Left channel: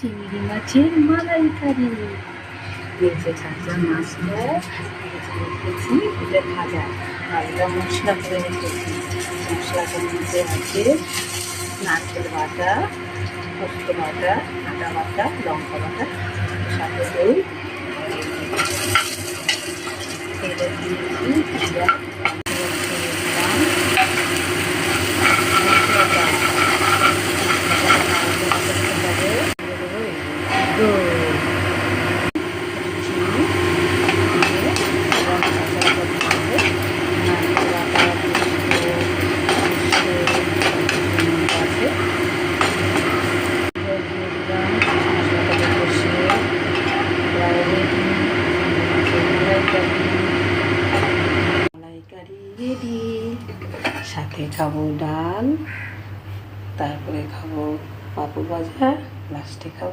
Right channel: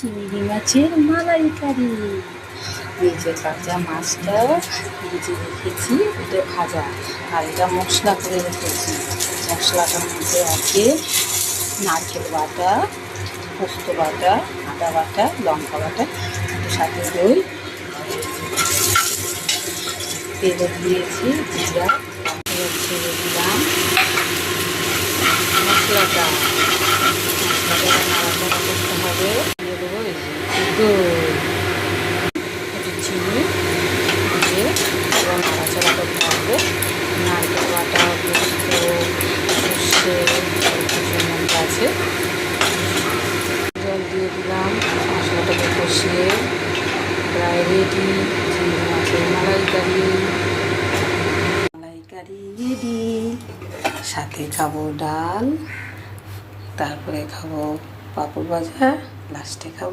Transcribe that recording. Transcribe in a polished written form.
চিংড়ি মাছের মালাইকারি। এই যে কাঁচা মাছটা ভেজে রেখেছি, এটা ভাজা, আর এটা মশলা করে রেখেছি। মশলাটার মধ্যে আছে নারকেল বাটা, পোস্ত বাটা, আদা বাটা, লঙ্কা বাটা, সাথে দই। তেলে দিয়েছি জিরা, ছেড়ে দিলাম মশলাটা। নাড়াচাড়া করতে হবে। দিয়ে দেবো এই যে দই, চিনি দিয়ে এবার নাড়াচাড়া করতে হবে। নারকেল বাটা, পোস্ত, সর্ষে মধ্যে আছে। জল দিয়ে দিলাম, মশলাটাকে কষিয়ে প্রায় রেডি। চিংড়ি মাছের মালাইকারি রেডি। সাথে খাবো ডাল, তারপরে খাবো পাঁপড় ভাজা, লাস্টে খাবো